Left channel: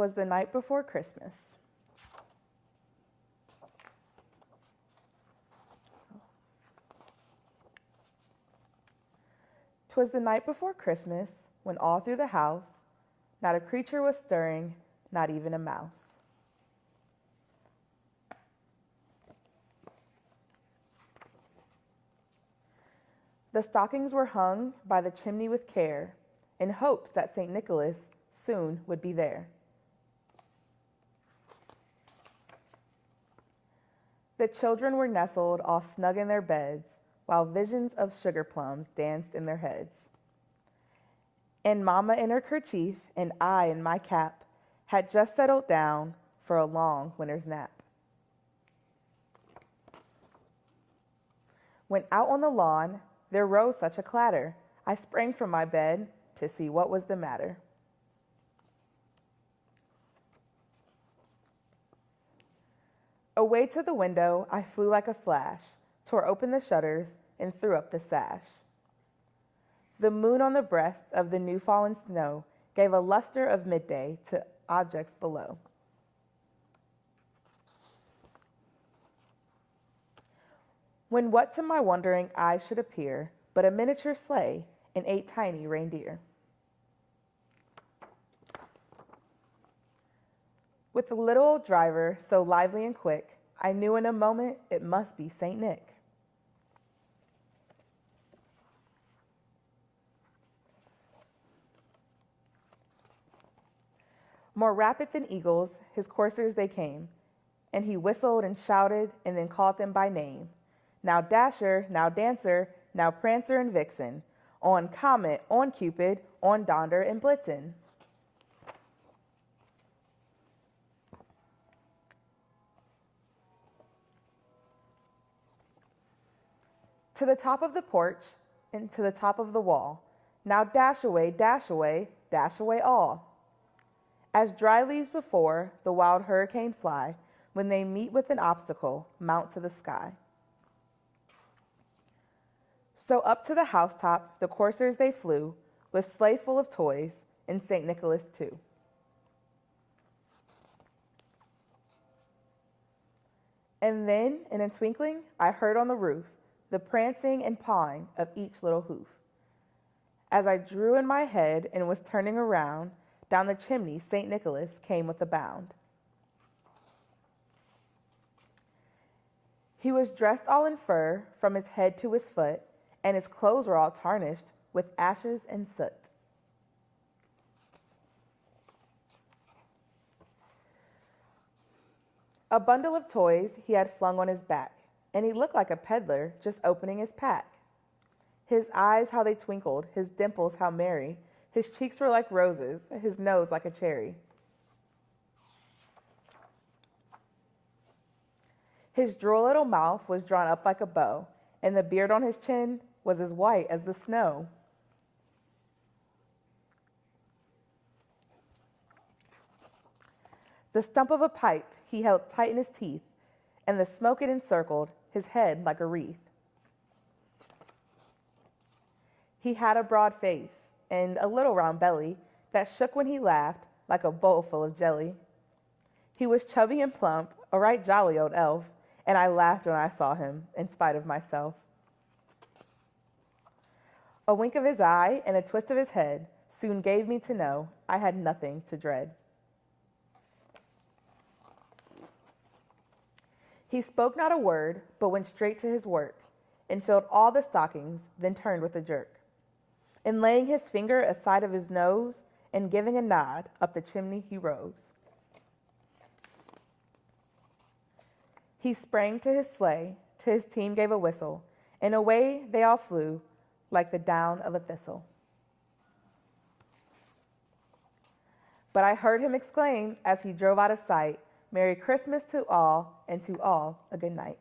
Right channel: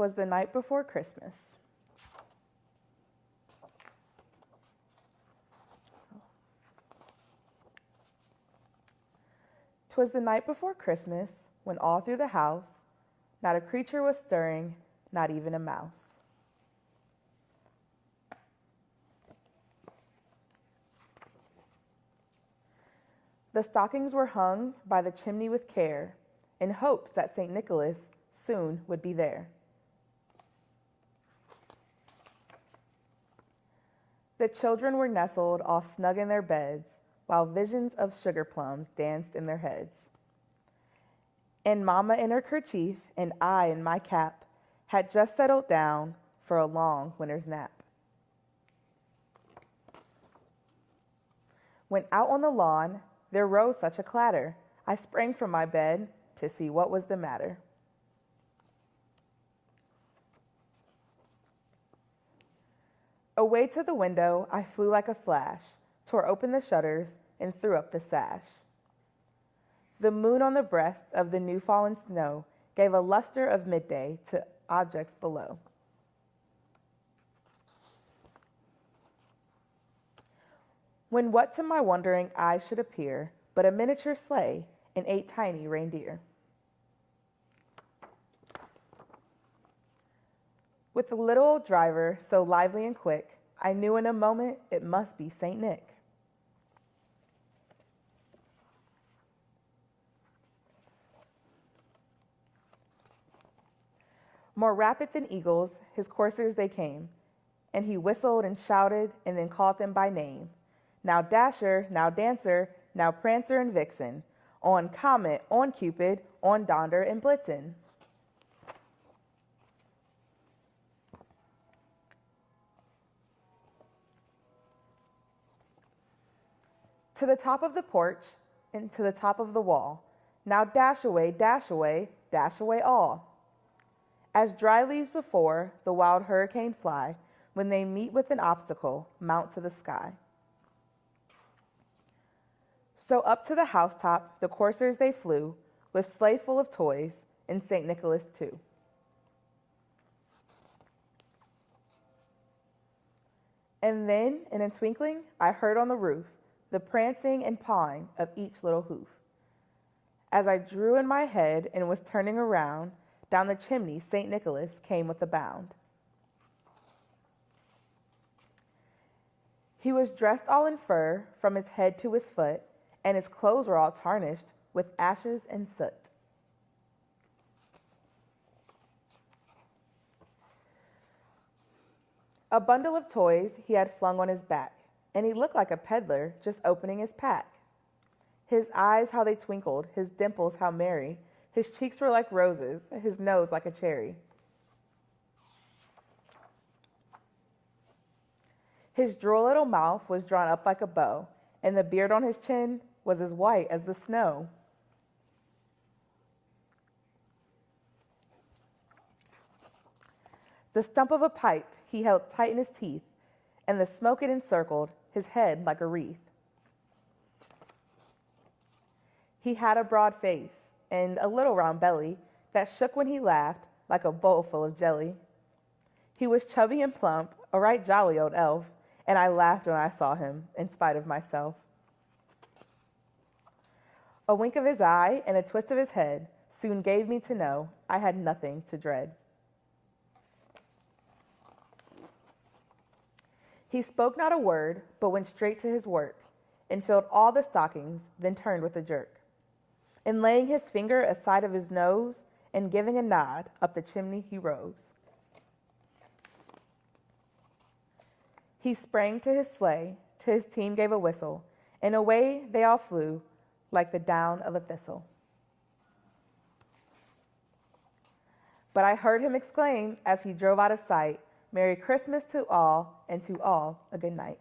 'Twas the night before Christmas. "'Twas the night before Christmas, when all through the house not a creature was stirring, not even a mouse. The stockings were hung by the chimney with care, in hopes that St. Nicholas soon would be there. The children were nestled all snug in their beds, while visions of sugar plums danced in their heads. And Mama in her kerchief and I in my cap had just settled down for a long winter's nap. When out on the lawn there rose such a clatter, I sprang from my bed to see what was the matter. Away to the window I flew like a flash, tore open the shutters, and threw up the sash. The moon on the breast of the new fallen snow gave a luster of midday to objects below. When what to my wondering eyes should appear but a miniature sleigh and 8 tiny reindeer. With the little old driver so lively and quick, I knew in a moment it must be St. Nick. More rapid than eagles, his coursers they came, and he whistled and shouted and then called them by name. Now Dasher, now Dancer, now Prancer and Vixen, on Comet, on Cupid, on Donder and Blitzen. To the top of the porch and to the top of the wall, now dash away, dash away, dash away all. As dry leaves before the wild hurricane fly, when they meet with an obstacle, mount to the sky. So up to the housetop the coursers they flew, with sleigh full of toys, and St. Nicholas too. And then, in a twinkling, I heard on the roof the prancing and pawing of each little hoof. As I drew in my head and was turning around, down the chimney St. Nicholas came with a bound. He was dressed all in fur from his head to his foot, and his clothes were all tarnished with ashes and soot. A bundle of toys he had flung on his back, and he looked like a peddler just opening his pack. His eyes, how they twinkled, his dimples, how merry, his cheeks were like roses, his nose like a cherry. His droll little mouth was drawn up like a bow, and the beard on his chin was as white as the snow. The stump of a pipe he held tight in his teeth, and the smoke it encircled his head like a wreath. He had a broad face and a little round belly that shook when he laughed like a bowl full of jelly. He was chubby and plump, a right jolly old elf, and I laughed when I saw him, in spite of myself. A wink of his eye and a twist of his head soon gave me to know I had nothing to dread. He spoke not a word, but went straight to his work, and filled all the stockings, then turned with a jerk. And laying his finger aside of his nose, and giving a nod, up the chimney he rose. He sprang to his sleigh, to his team gave a whistle, and away they all flew, like the down of a thistle. But I heard him exclaim, as he drove out of sight, Merry Christmas to all, and to all a good night.